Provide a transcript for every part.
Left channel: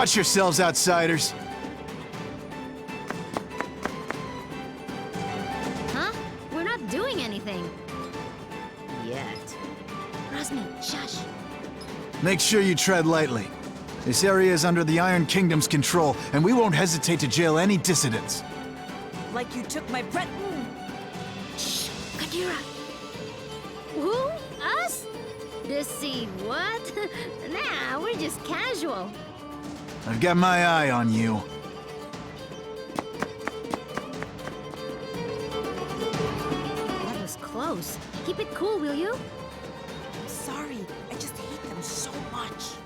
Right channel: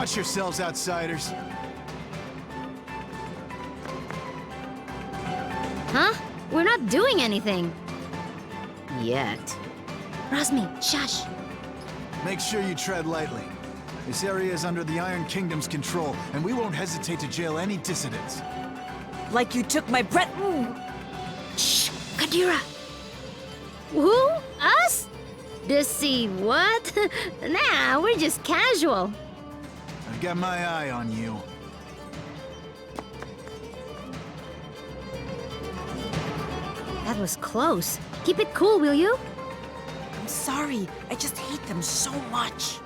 Watch yourselves, outsiders. Huh? We're not doing anything. Yet. Rosmi, shush. Make sure you tread lightly. This area is under the Iron Kingdom's control, and we won't hesitate to jail any dissidents. Like you took my breath. Shh, Kadira. Who? Us? Deceive what? Nah, we're just casual. I've got my eye on you. That was close. Keep it cool, will you? I'm sorry. I just hate them so much.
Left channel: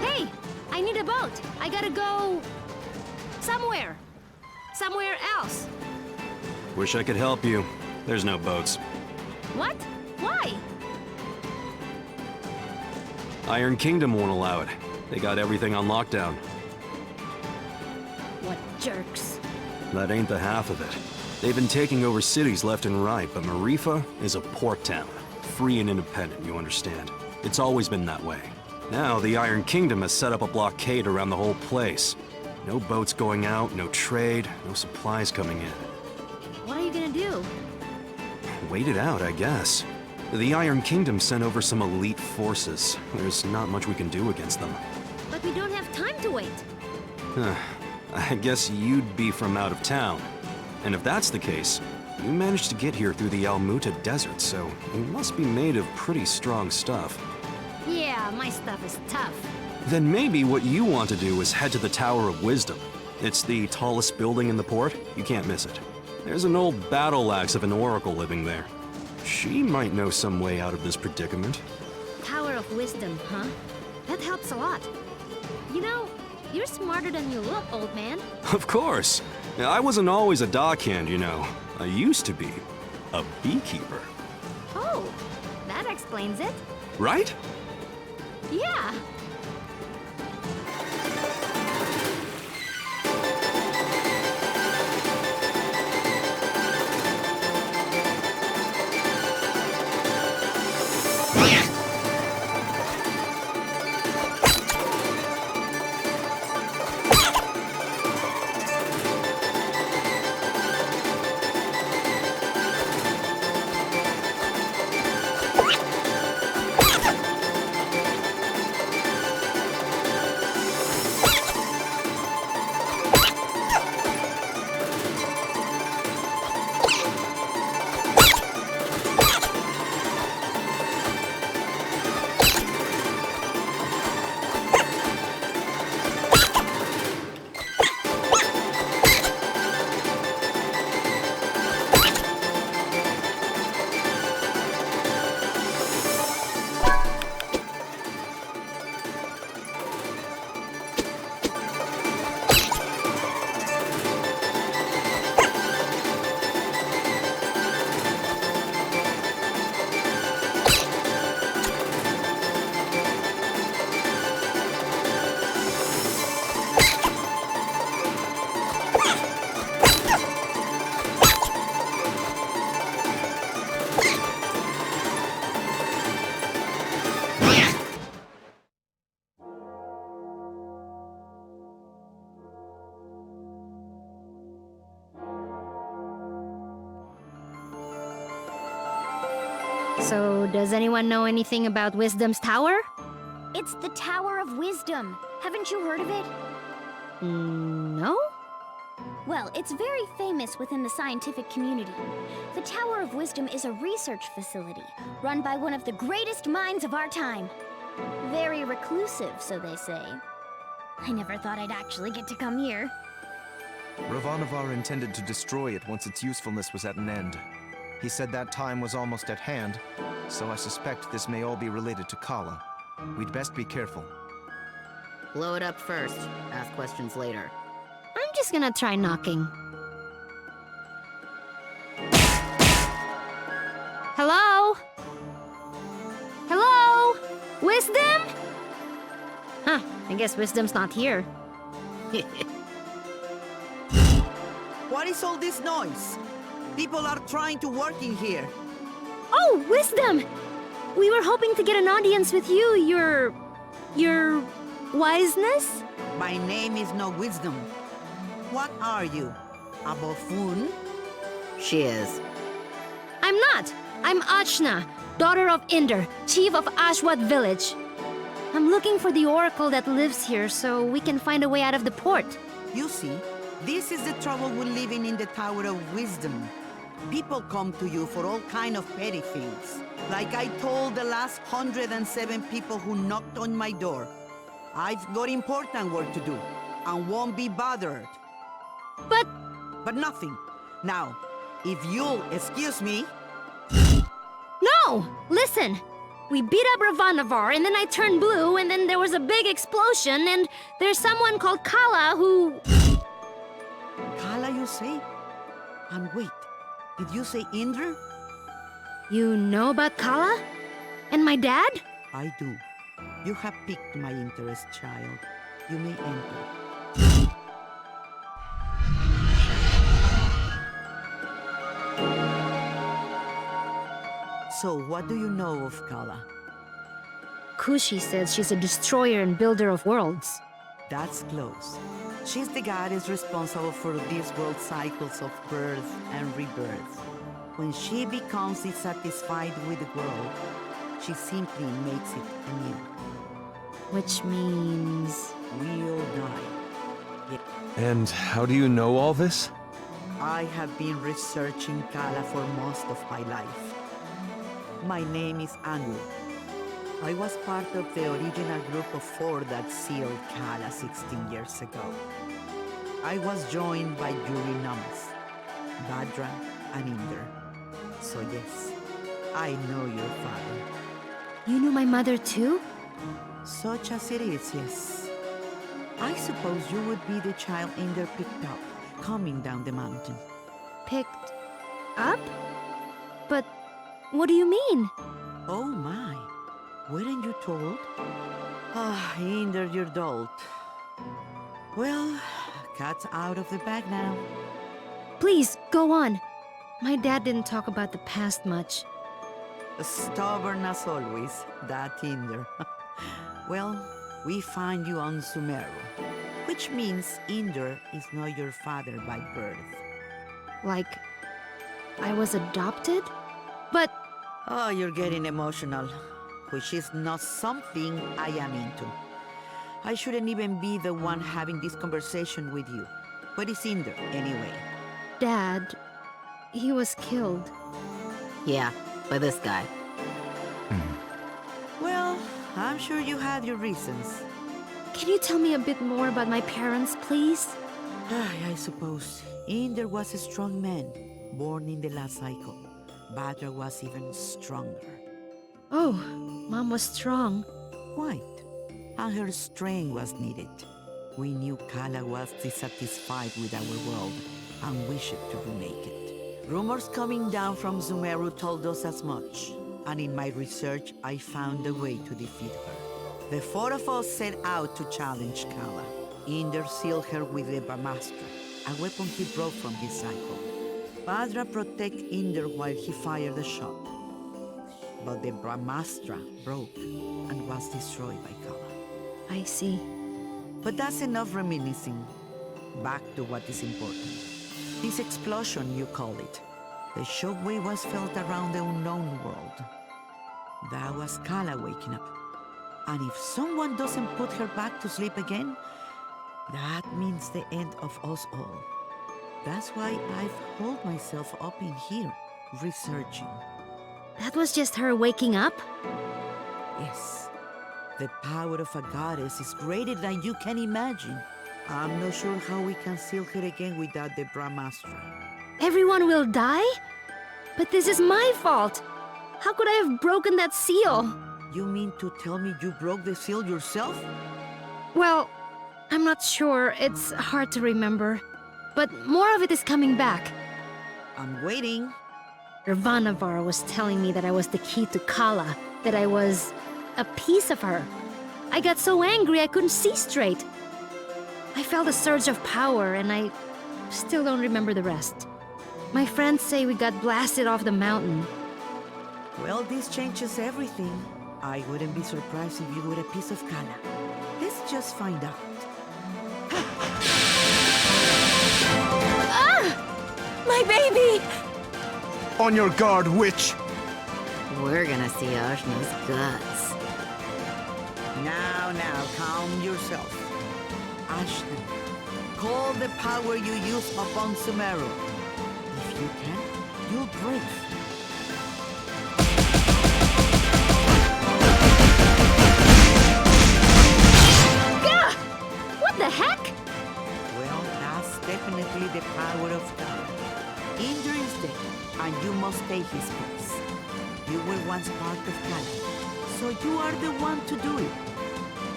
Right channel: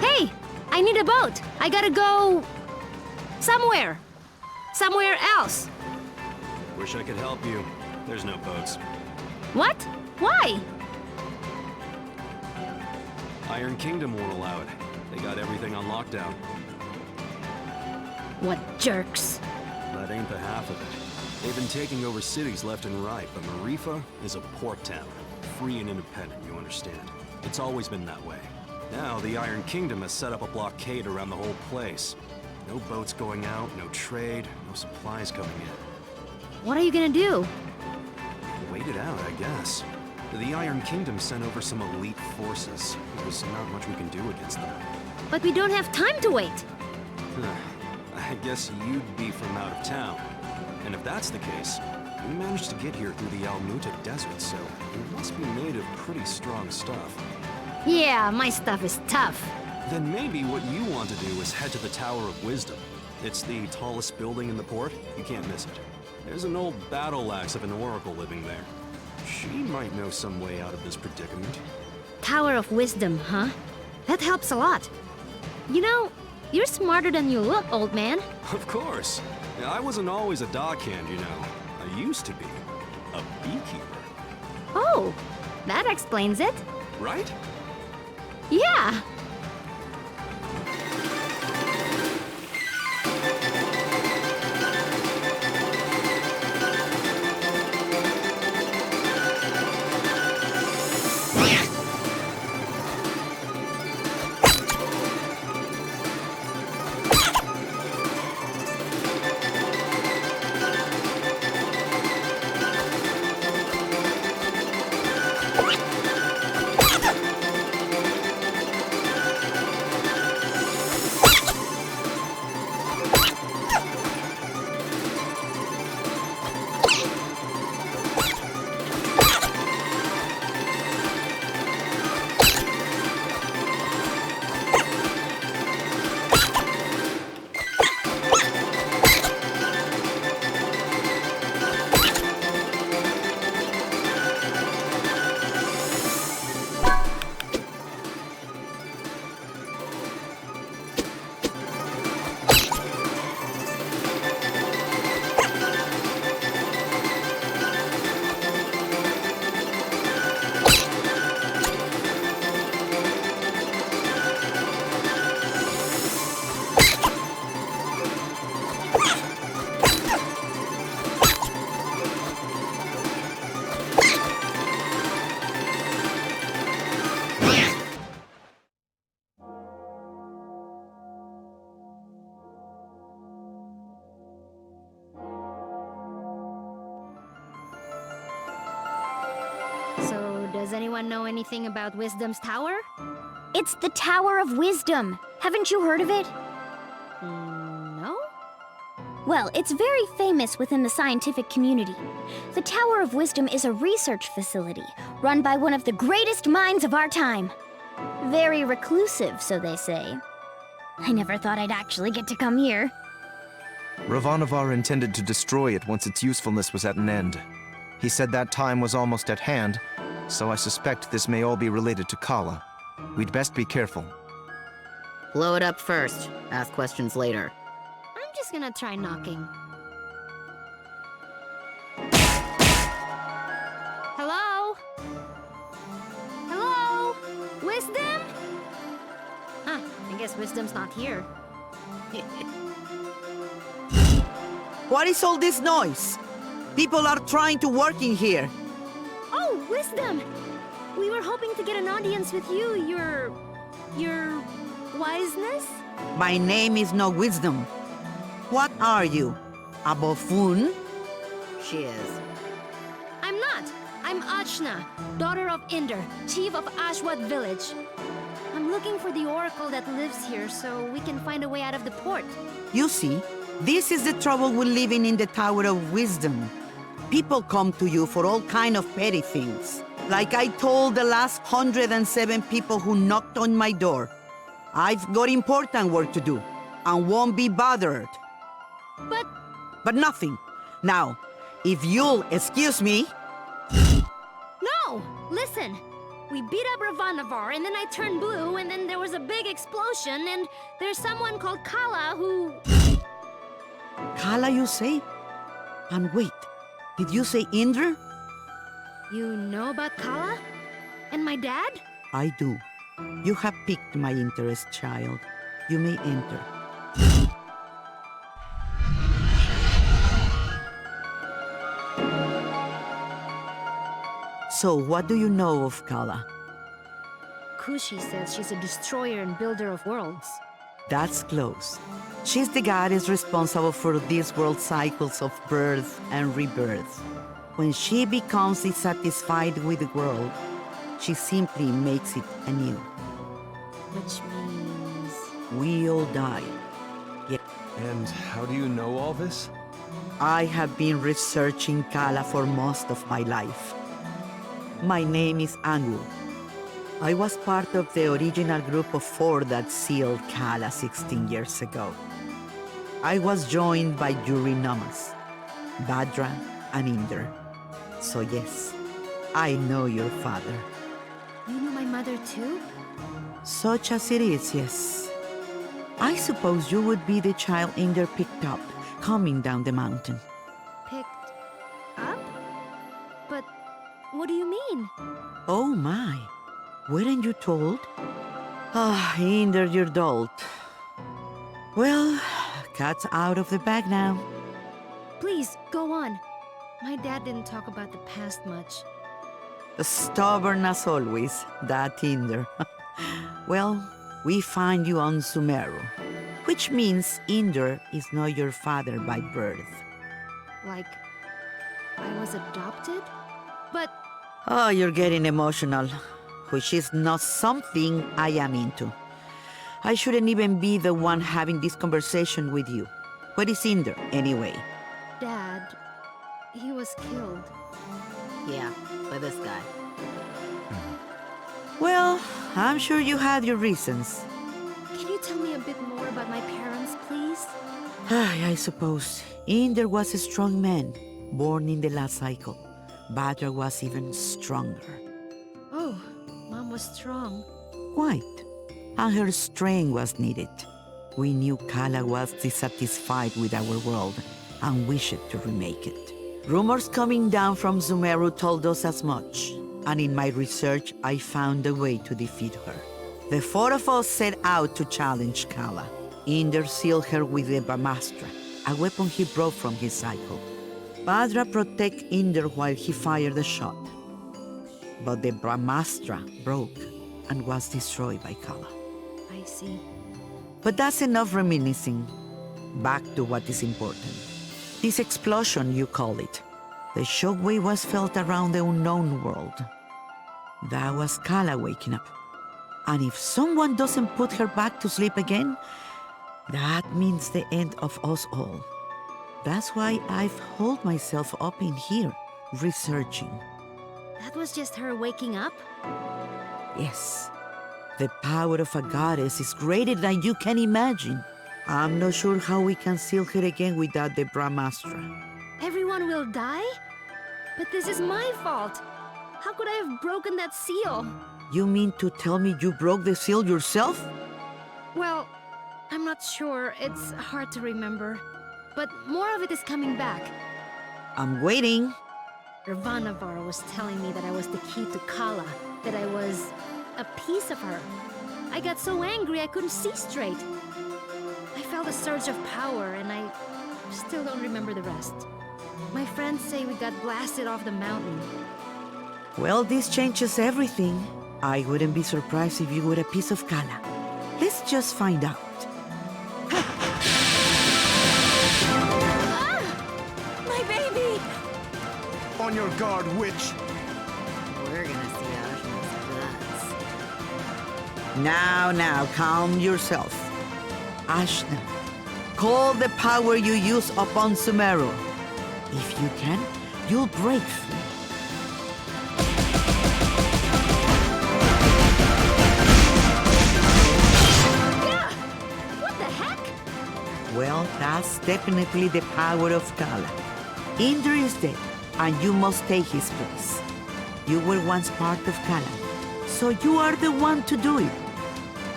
Hey! I need a boat! I gotta go... somewhere! Somewhere else! Wish I could help you. There's no boats. What? Why? Iron Kingdom won't allow it. They got everything on lockdown. What jerks. That ain't the half of it. They've been taking over cities left and right, but Maerifa is a port town. Free and independent, you understand. It's always been that way. Now, the Iron Kingdom has set up a blockade around the whole place. No boats going out, no trade, no supplies coming in. What are you gonna do? Wait it out, I guess. The Iron Kingdom sent over some elite forces. There's not much we can do against them. But we don't have time to wait. I guess you'd be from out of town. And if that's the case, you managed to get here through the Almuta Desert, so you must be made of pretty strong stuff. Yeah, my stuff is tough. Then maybe what you want to do is head to the Tower of Wisdom. It's the tallest building in the port. You can't miss it. There's an old battle axe of an oracle living there. She might know some way out of this predicament. Tower of Wisdom, huh? That helps a lot. You know, you're smarter than you look, old man. Of course. I wasn't always a dockhand, you know. I used to be a beekeeper. Oh, that explains it. Right? Yeah. So, does anyone know anything about Wisdom's Tower? It's the Tower of Wisdom. Haven't you heard of it? No? Well, it's very famous within the scientific community. The Tower of Wisdom is a research facility run by one of the greatest minds of our time. Very reclusive, so they say. I never thought I'd actually get to come here. Ravanavar intended to destroy it once its usefulness was at an end. He said that time was almost at hand, so I suspect this may all be related to Kala. We'd best be careful. Blow it up first. Ask questions later. I'm just gonna try knocking. Hello? Hello? Wisdom? Huh, I guess Wisdom's not here. What is all this noise? People are trying to work in here. Oh, Wisdom! We were hoping to get an audience with you, your wiseness? My name is no Wisdom. What are you? A buffoon? She is. I'm not. I'm Achna, daughter of Inder, chief of Ashwat village. I'm looking for the oracle that lives here so we can find a way out of the port. You see, this is the trouble with living in the Tower of Wisdom. People come to you for all kind of petty things. Like I told the last 107 people who knocked on my door. I've got important work to do, and won't be bothered. But nothing. Now, if you'll excuse me... No! Listen! We beat up Ravanavar, and then I turned blue, and then there was a big explosion, and there's someone called Kala who... Kala, you say? And wait, did you say Indra? You know about Kala? And my dad? I do. You have piqued my interest, child. You may enter. So, what do you know of Kala? Kushi says she's a destroyer and builder of worlds. That's close. She's the goddess responsible for these world cycles of birth and rebirth. When she becomes dissatisfied with the world, she simply makes it anew. Which means... We all die. And how do you know all this? I have been researching Kala for most of my life. My name is Angu. I was part of the original group of 4 that sealed Kala 16 years ago. I was joined by Yuri Namas, Badra, and Inder. So yes, I know your father. You knew my mother too? Such as it is, yes. I suppose you would be the child Inder picked up, coming down the mountain. Picked up? But what do you mean? Oh my, weren't you told? Ah, Inder, you're dolt. Well, cat's out of the bag now. Please, go on. My dad didn't talk about the past much. Stubborn as always, that Inder. Well, we find you on Sumeru, which means Inder is not your father by birth. Like, I was adopted? But Oh, you're getting emotional, which is not something I am into. I shouldn't even be the one having this conversation with you. What is Inder, anyway? Dad, he was killed. Yeah, by this guy. Well, I'm sure you had your reasons. Can you tell me a bit more about my parents, please? I suppose. Inder was a strong man, born in the last cycle. Badra was even stronger. Oh, Mom was strong. Quite. And her strength was needed. We knew Kala was dissatisfied with our world and wished to remake it. Rumors coming down from Sumeru told us as much, and in my research I found a way to defeat her. The 4 of us set out to challenge Kala. Inder sealed her with the Brahmastra, a weapon he brought from his cycle. Badra protected Inder while he fired the shot. But the Brahmastra broke and was destroyed by Kala. I see. But that's enough reminiscing. Back to what is important. This explosion, you call it. The shockwave was felt around the unknown world. That was Kala waking up. And if someone doesn't put her back to sleep again, that means the end of us all. That's why I've holed myself up in here, researching. That was just her waking up? Yes. The power of a goddess is greater than you can imagine. I'm not sure how we can seal her again without the Brahmastra. Everyone will die? But this is my fault. How could I have broken that seal? You mean to tell me you broke the seal yourself? Well, I'm not sure. It's hard to remember. But more of it is coming back. I'm waiting. Ravanavar was telling me that I was the key to Kala, that I was a piece of her. I got so angry I couldn't see straight. I felt a surge of power, and I still don't remember the rest. My friends say we got blasted off the mountain. Well, this changes everything. I wouldn't be surprised if you were a piece of Kala. Let's just find out. My baby! On your guard, witch! We're gonna see Ashna's guts. Now, calm yourself. Ashna, call the power you use upon Sumeru. If you can, you'll break free. Gah! What the heck? Well, that's definitely the power of Kala. Inder is dead, and you must take his place. You were once part of Kala, So you are the one to do it.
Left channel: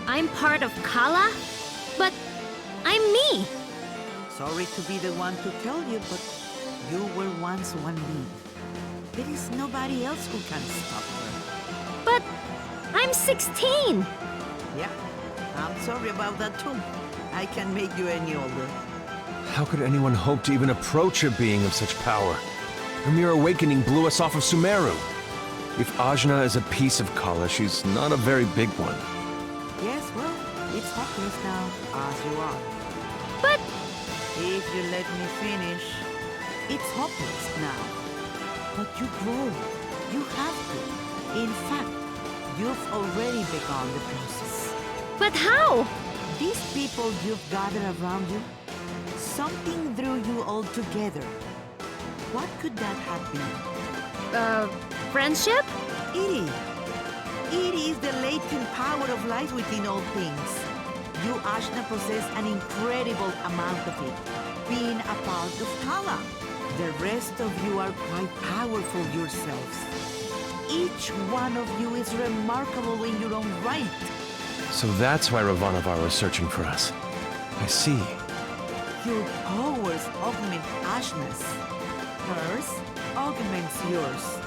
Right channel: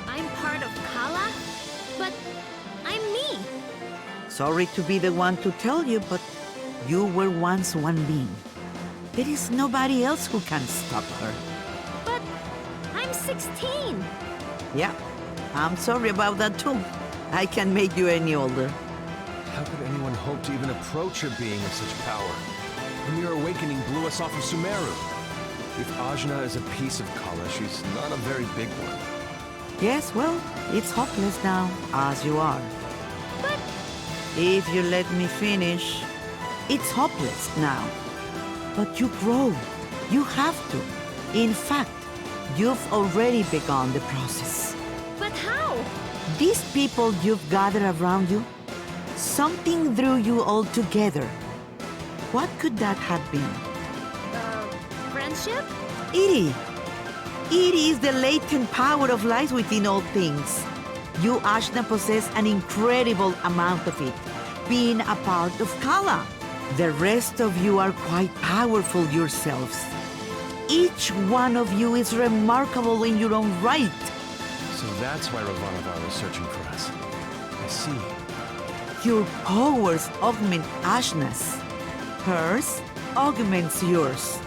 I'm part of Kala, but I'm me. Sorry to be the one to tell you, but you were once one being. There is nobody else who can stop her. But I'm 16. Yeah, I'm sorry about that too. I can make you any older. How could anyone hope to even approach a being of such power? Her mere awakening blew us off of Sumeru. If Ajna is a piece of Kala, she's not a very big one. Yes, well, it's hopeless now, as you are. But If you let me finish, it's hopeless now. But you grow. You have to. In fact, you've already begun the process. how? These people you've gathered around you, something drew you all together. What could that have been? Friendship? Iri. Iri is the latent power of life within all things. You, Ajna, possess an incredible amount of it, being a part of Kala. The rest of you are quite powerful yourselves. Each one of you is remarkable in your own right. So that's why Ravanavar was searching for us. I see. Your powers augment Ajna's. Hers augments yours.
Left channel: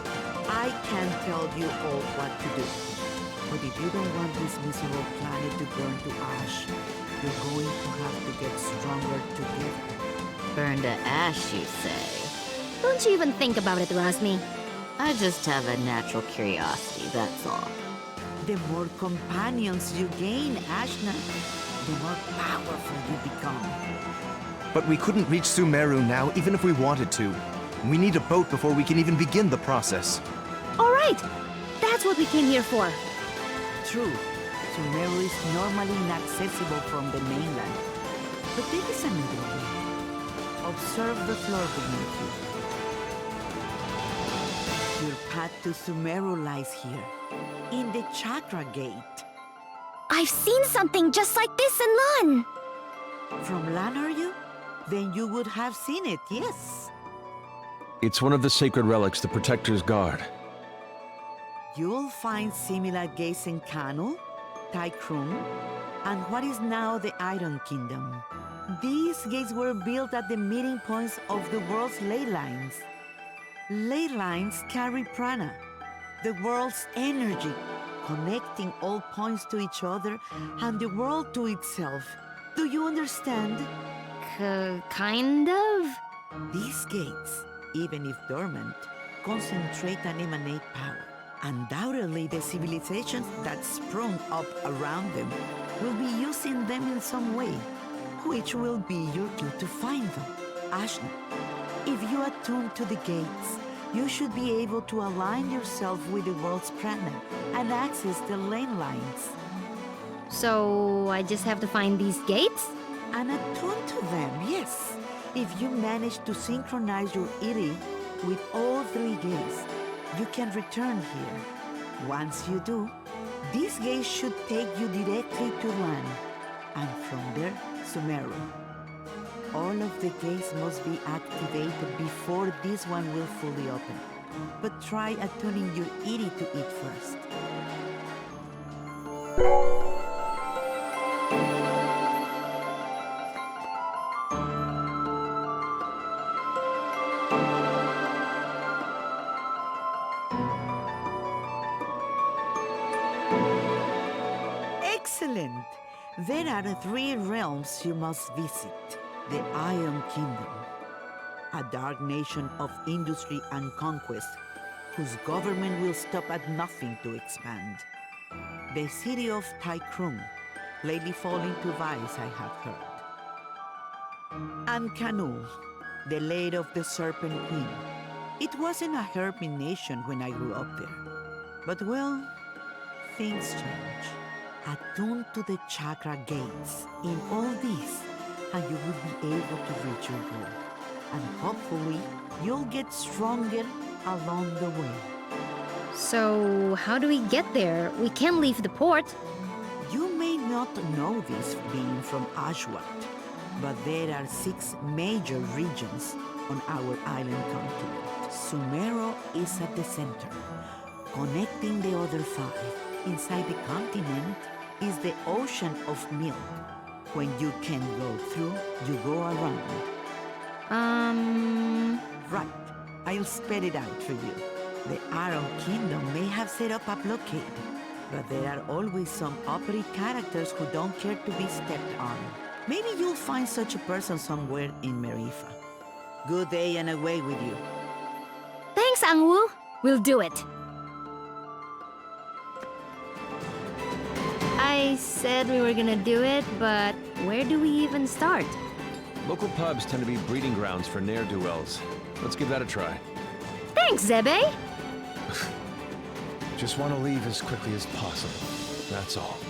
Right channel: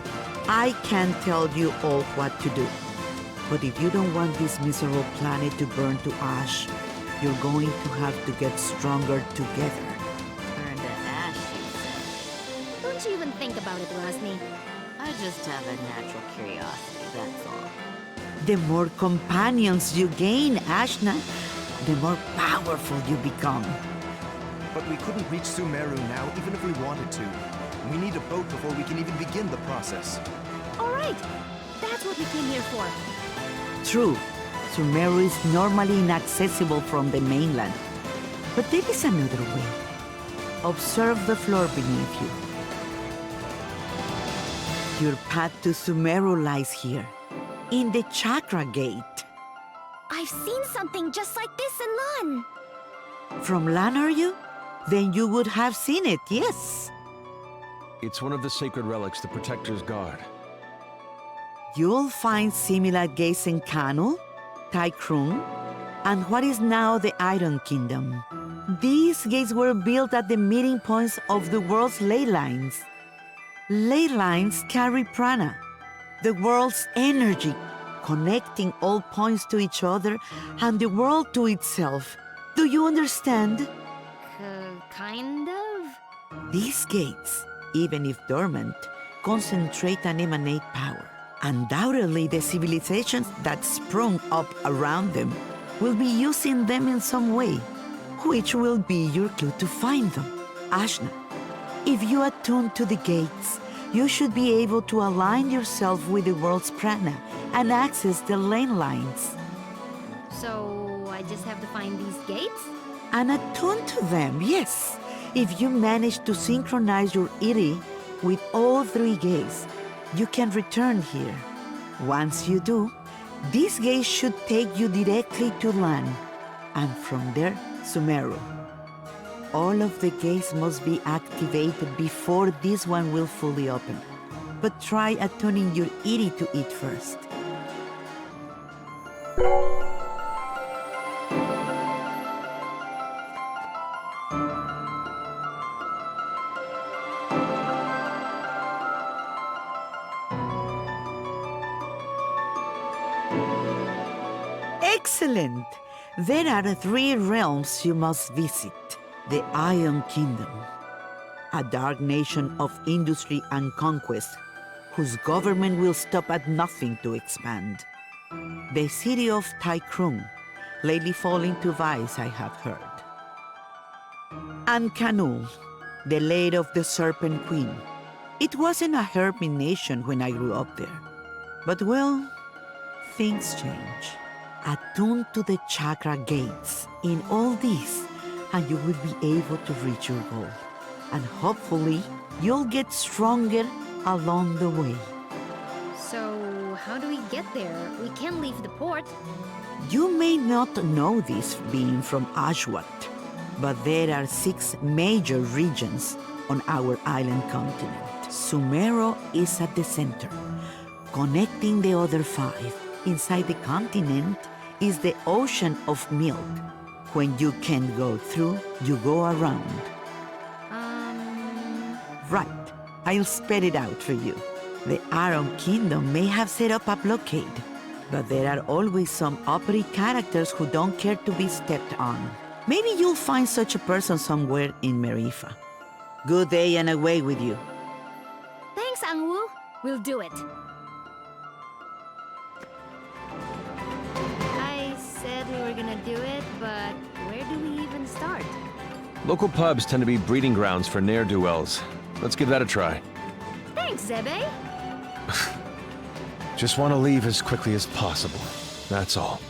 I can tell you all what to do. But if you don't want this miserable planet to burn to ash, you're going to have to get stronger together. Burn to ash, you say? Don't you even think about it, Rosmi. I just have a natural curiosity, that's all. The more companions you gain, Ajna, the more powerful you become. But we couldn't reach Sumeru now, even if we wanted to. We need a boat before we can even begin the process. All right. That's what we came here for. True, Sumeru is normally inaccessible from the mainland. But there is another way. Observe the floor beneath you. Your path to Sumeru lies here, in the Chakra Gate. I've seen something just like this in Lan. From Lan, are you? Then you would have seen it, yes. It's one of the sacred relics the Protectors guard. You'll find similar gates in Kanu, Taikrung, and what is now the Iron Kingdom. These gates were built at the meeting points of the world's ley lines. Ley lines carry prana, the world's energy, connecting all points to each other and the world to itself. Do you understand? Kind of? These gates, even if dormant, concentrate and emanate power. Undoubtedly, the civilizations that sprung up around them will be using them in some way, which will be your clue to find them. Ajna, if you attune to the gates, you should be able to align yourself with the world's prana and access the lane lines. So I just have to find these gates? And attune to them, yes. If you manage to synchronize your Iri with all three gates, you can return here. Once you do, these gates should take you directly to Lan, and from there, Sumeru. All of the gates must be activated before this one will fully open. But try attuning your Iri to it first. Excellent! There are 3 realms you must visit. The Iron Kingdom, a dark nation of industry and conquest, whose government will stop at nothing to expand. The city of Taikrung, lately falling to vice, I have heard. And Kanu, the lair of the Serpent Queen. It wasn't a hermit nation when I grew up there. But well, things change. Attune to the chakra gates in all this, and you will be able to reach your goal. And hopefully, you'll get stronger along the way. So how do we get there? We can't leave the port. You may not know this being from Ashwat, but there are 6 major regions on our island continent. Sumeru is at the center, connecting the other 5. Inside the continent is the ocean of milk. When you can go through, you go around. Right. I'll spell it out for you. The Iron Kingdom may have set up a blockade, but there are always some uppity characters who don't care to be stepped on. Maybe you'll find such a person somewhere in Maerifa. Good day and away with you. Thanks, Angwu. We'll do it. I said we were gonna do it, but where do we even start? Local pubs tend to be breeding grounds for ne'er-do-wells. Let's give that a try. Thanks, Zebe. Just want to leave as quickly as possible. That's all.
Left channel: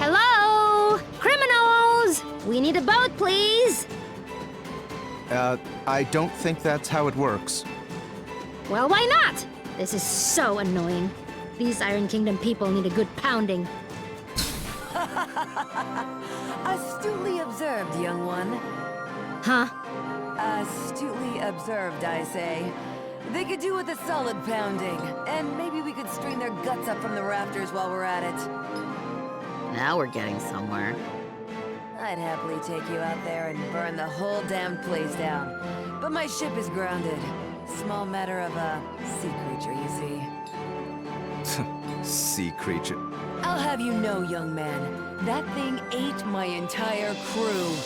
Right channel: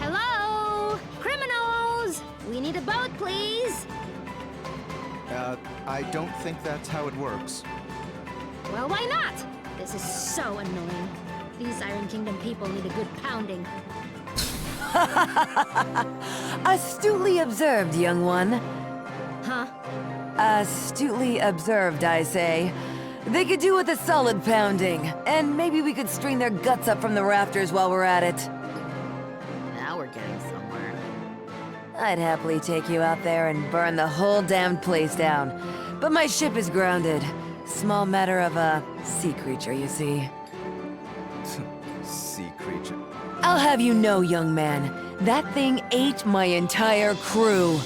Hello? Criminals! We need a boat, please. I don't think that's how it works. Well, why not? This is so annoying. These Iron Kingdom people need a good pounding. Astutely observed, young one. Huh? Astutely observed, I say. They could do with a solid pounding, and maybe we could string their guts up from the rafters while we're at it. Now we're getting somewhere. I'd happily take you out there and burn the whole damned place down. But my ship is grounded. Small matter of a sea creature, you see. Sea creature. I'll have you know, young man, that thing ate my entire crew.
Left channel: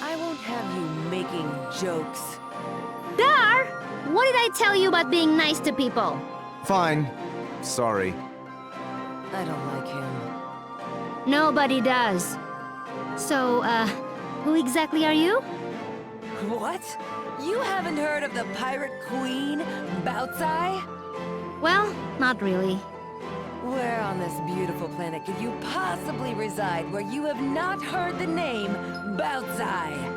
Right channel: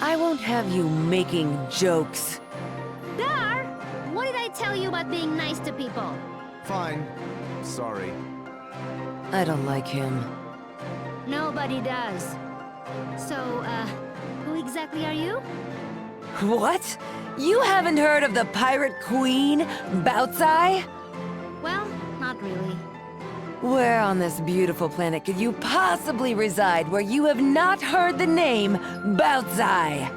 I won't have you making jokes. Dar! What did I tell you about being nice to people? Fine. Sorry. I don't like him. Nobody does. So, who exactly are you? What? You haven't heard of the pirate queen, Bautzai? Well, not really. Where on this beautiful planet could you possibly reside where you have not heard the name Bautzai?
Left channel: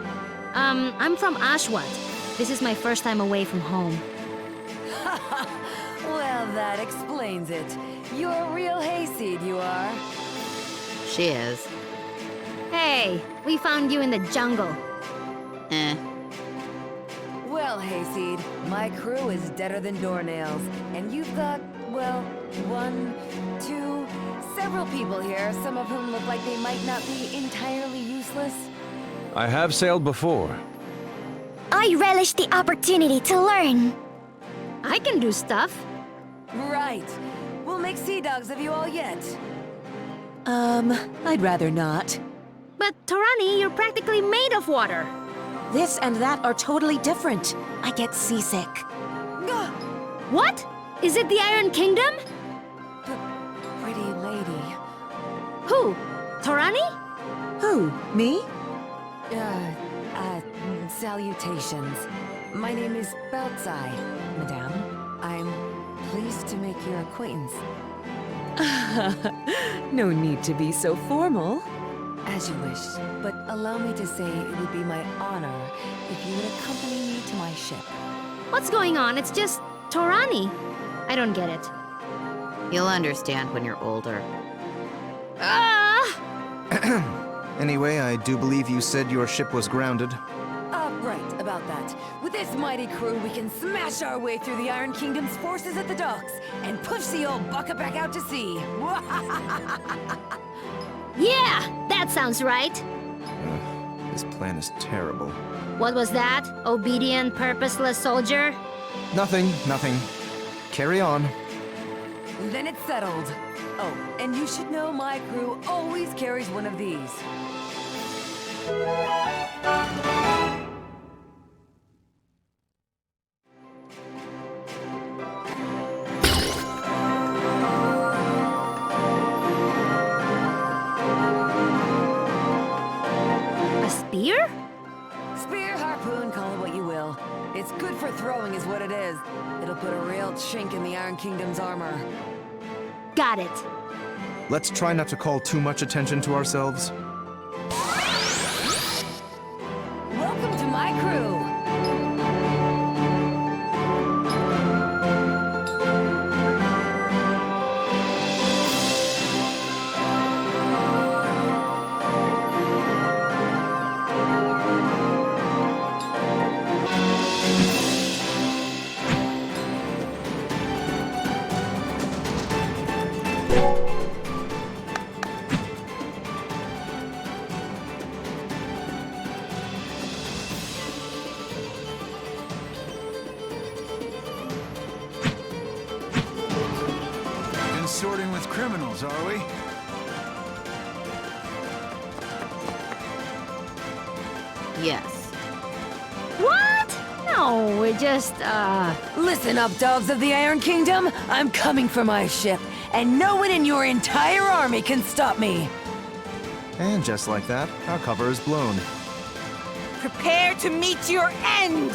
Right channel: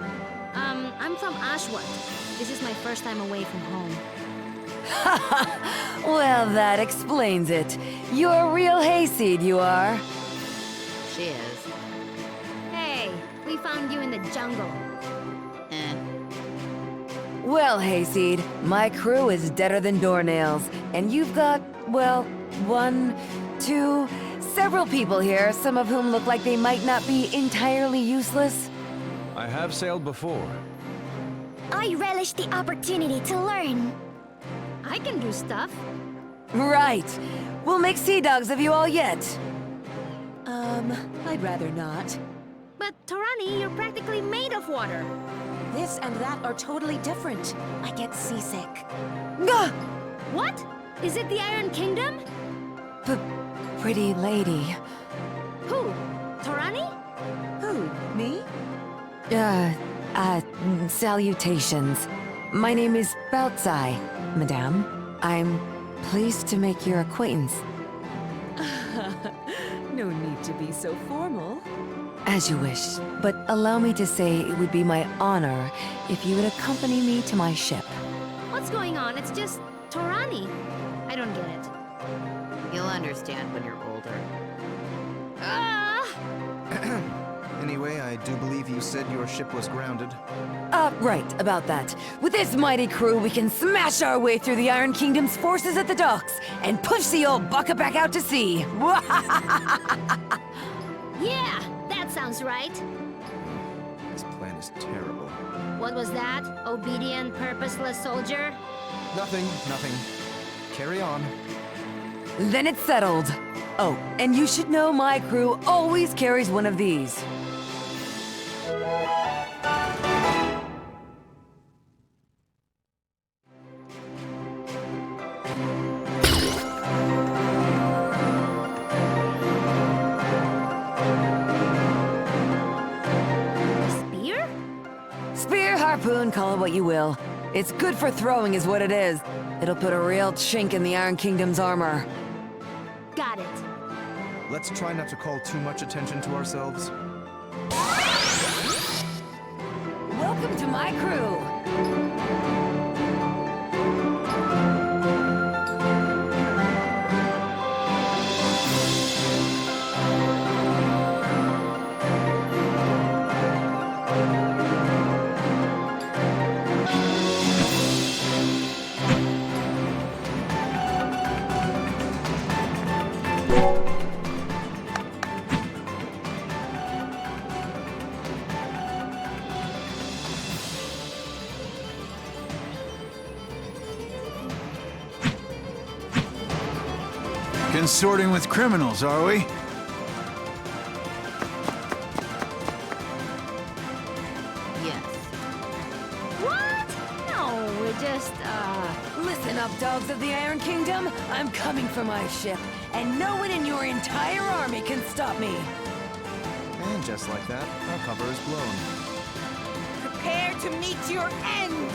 I'm from Ashwat. This is my first time away from home. Well, that explains it. You're a real hayseed, you are. She is. Hey, we found you in the jungle. Eh. Well, hayseed, my crew is deader than doornails, and you've got, well, several people here, some of whom look like they might not be entirely useless. I have sailed before. I relish the opportunity to learn. I can do stuff. Right. We'll make sea dogs of you all yet. I'd rather not. But Torani, you're practically made of water. This and that are totally different. I get seasick. Gah! What? Is it the Iron Kingdom? Pretty lady. Who? Torani? Who? Me? Salutations. My name is Bautzai, madame. I'm pleased to make your acquaintance. No need to be so formal. As you wish, but allow me to say it would be my honor if you would accompany me to my ship. What's going on? It's just Torani. I don't get it. You'll understand when you're older. Ah! Anyway, I do believe you said your ship was grounded. Right, about that. With this mighty crew, we can smash our way through the Iron Kingdom's forces at the docks and push the old bucket back out to sea. Yeah, that sounds right. This plan is terrible. What was that? Obedient, purposeless soldier? Nothing. Carry on. Then it's settled. Oh, and you should know my crew always carries one of these. spear? Spear, harpoon, call it what you will. It's good for throwing is what it is. It'll put a real chink in the Iron Kingdom's armor. Got it. Let's try not to call too much attention to ourselves. Welcome to my crew! Consorting with criminals, are we? Yes. What? No, we're just, Listen up, dogs of the Iron Kingdom! I'm coming for my ship, and no one in your entire army can stop me! And just like that, our cover is blown. Prepare to meet your end!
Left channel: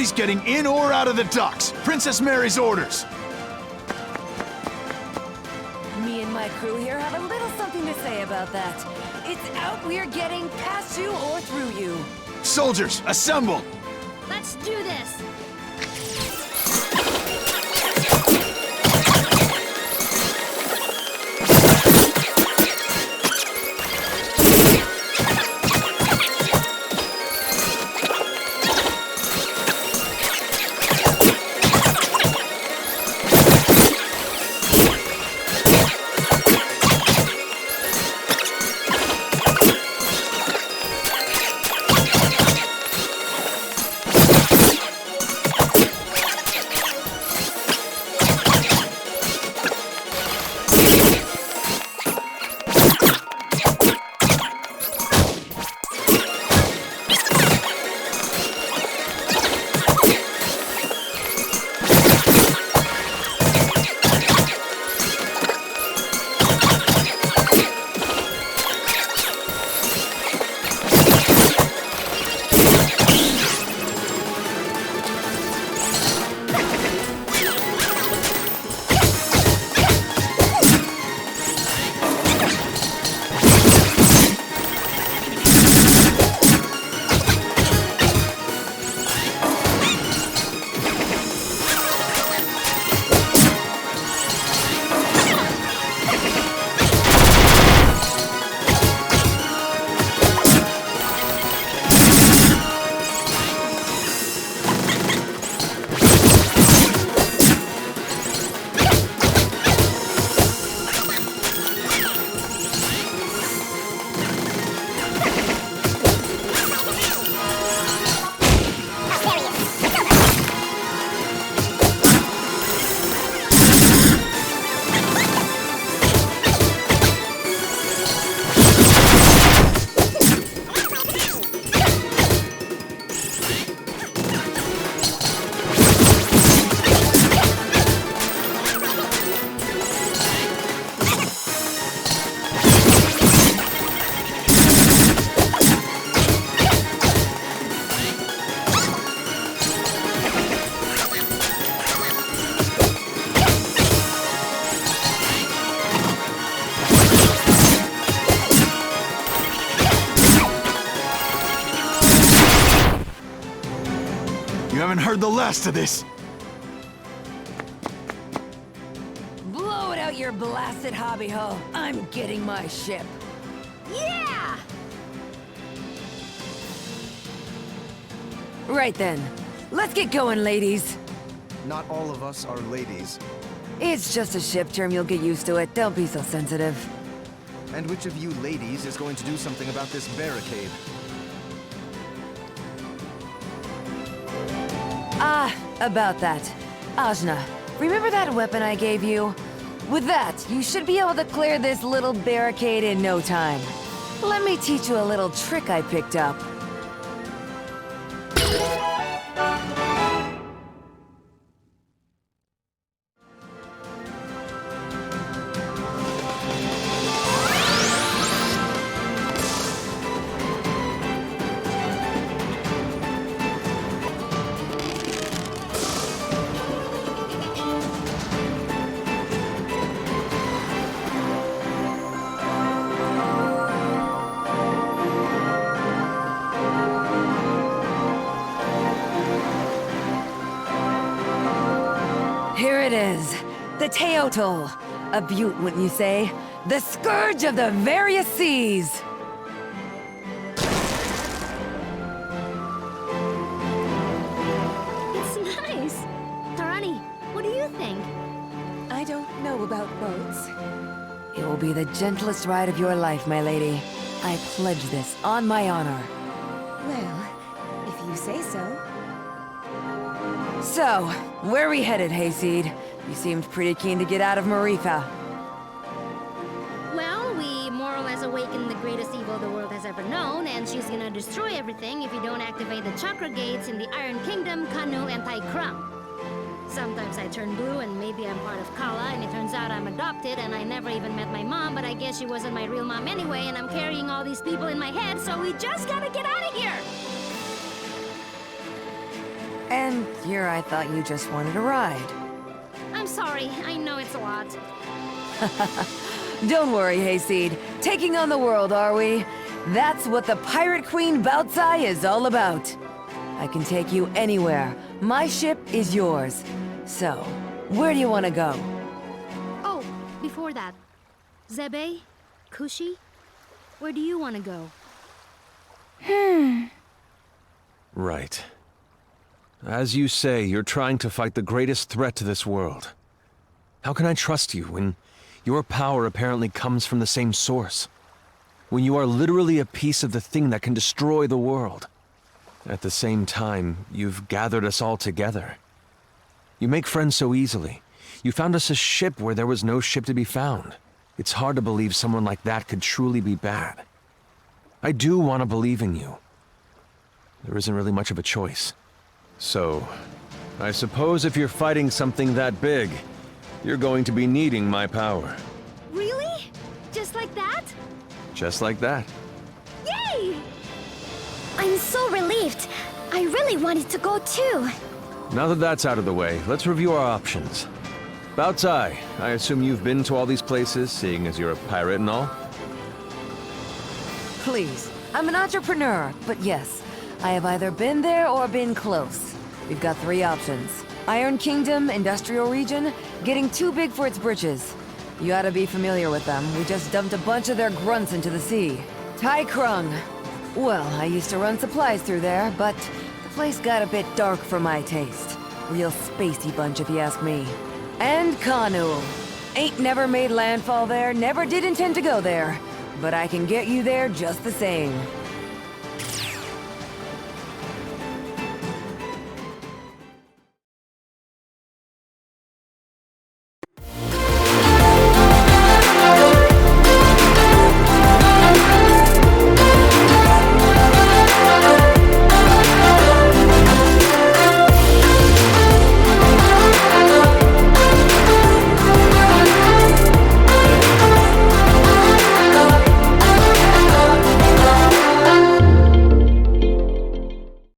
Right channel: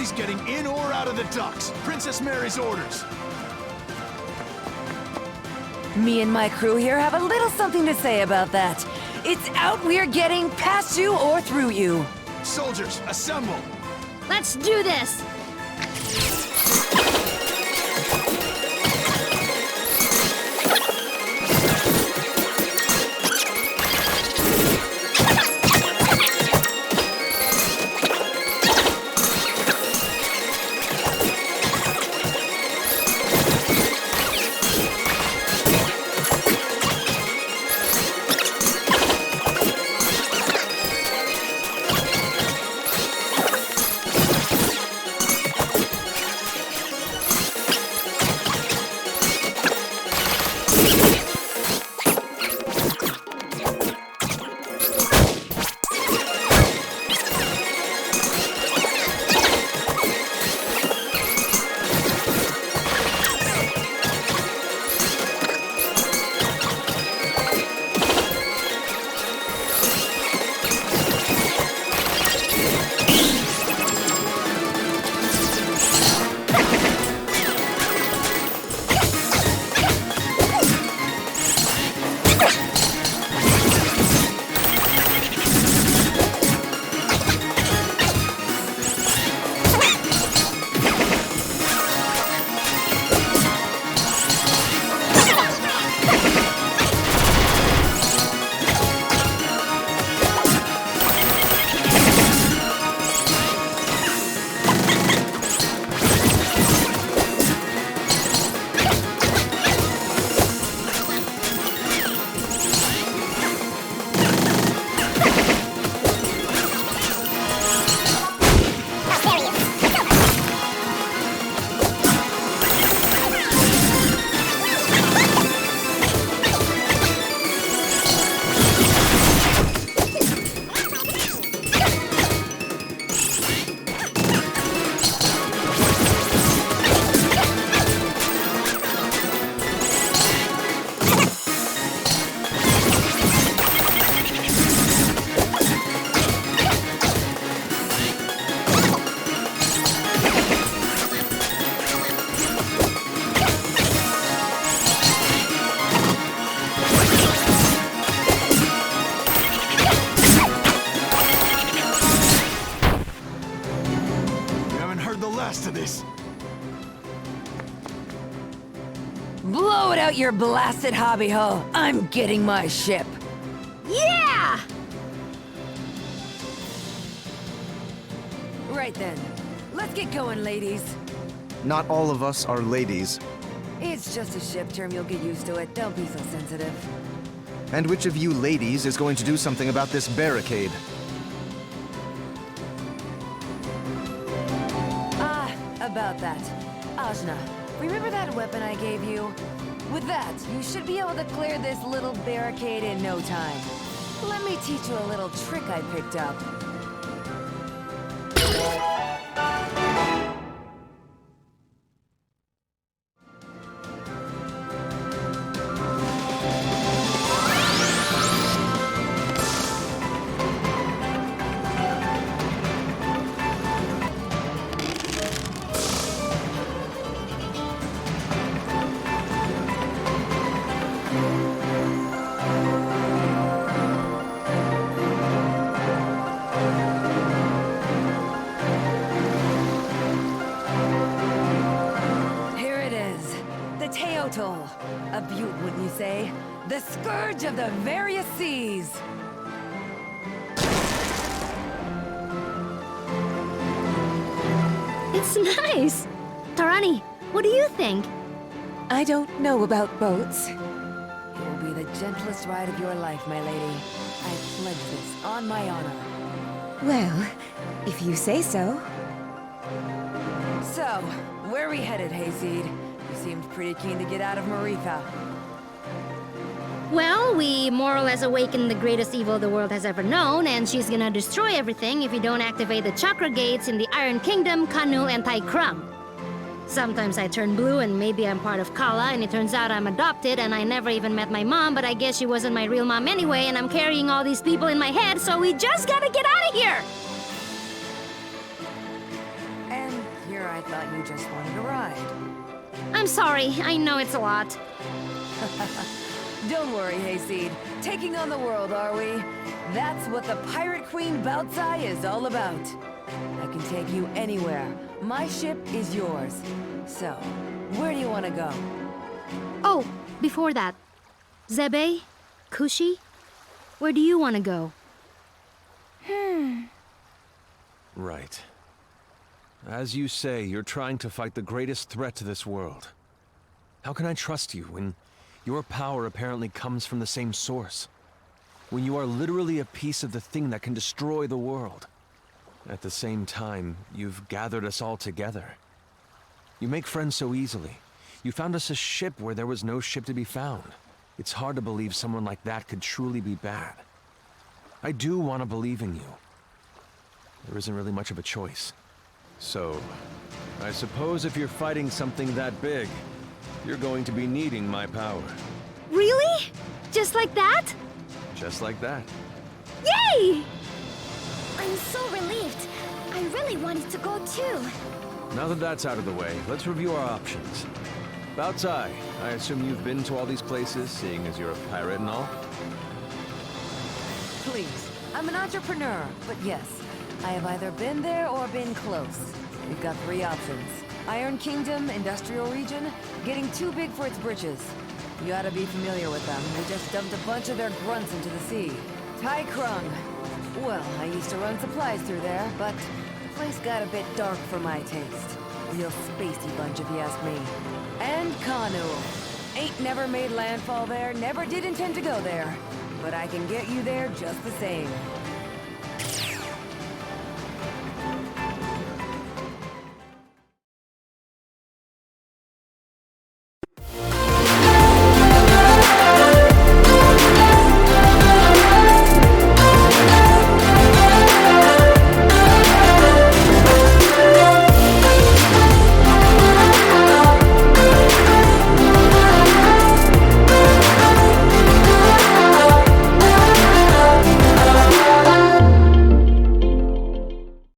Nobody's getting in or out of the docks. Princess Mary's orders. Me and my crew here have a little something to say about that. It's out we're getting past you or through you. Soldiers, assemble! Let's do this! haven't heard the last of this. Blow it out your blasted hobby ho. I'm getting my ship. Yeah! Right then. Let's get going, ladies. Not all of us are ladies. It's just a ship term, you'll get used to it. Don't be so sensitive. And which of you ladies is going to do something about this barricade? Ah, about that. Ajna, remember that weapon I gave you? With that, you should be able to clear this little barricade in no time. Let me teach you a little trick I picked up. Here it is, the Teotl. A beaut, wouldn't you say? The scourge of the various seas! It's nice. Tarani, what do you think? I don't know about boats. It will be the gentlest ride of your life, my lady. I pledge this on my honor. Well, if you say so. So, where are we headed, Hayseed? You seemed pretty keen to get out of Maerifa. Well, we more or less awakened the greatest evil the world has ever known, and she's gonna destroy everything if you don't activate the chakra gates in the Iron Kingdom, Kanul, and Taikram. Sometimes I turn blue and maybe I'm part of Kala, and it turns out I'm adopted and I never even met my mom, but I guess she wasn't my real mom anyway, and I'm carrying all these people in my head, so we just gotta get out of here! And here I thought you just wanted a ride. I'm sorry, I know it's a lot. Don't worry, Hayseed. Taking on the world, are we? That's what the Pirate Queen Bautzai is all about. I can take you anywhere. My ship is yours. So, where do you want to go? Oh, before that. Zebe? Kushi? Where do you want to go? Right. As you say, you're trying to fight the greatest threat to this world. How can I trust you when your power apparently comes from the same source? When you are literally a piece of the thing that can destroy the world. At the same time, you've gathered us all together. You make friends so easily. You found us a ship where there was no ship to be found. It's hard to believe someone like that could truly be bad. I do want to believe in you. There isn't really much of a choice. So, I suppose if you're fighting something that big, you're going to be needing my power. Really? Just like that? Just like that. Yay! I'm so relieved. I really wanted to go too. Now that that's out of the way, let's review our options. Bautzai, I assume you've been to all these places, seeing as you're a pirate and all? Please, I'm an entrepreneur, but yes, I have either been there or been close. We've got 3 options. Iron Kingdom, Industrial Region, getting too big for its britches. You ought to be familiar with them. We just dumped a bunch of their grunts into the sea. Tai Krung. Well, I used to run supplies through there, but the place got a bit dark for my taste. Real spacey bunch if you ask me. And Kanu. Ain't never made landfall there, never did intend to go there. But I can get you there just the same.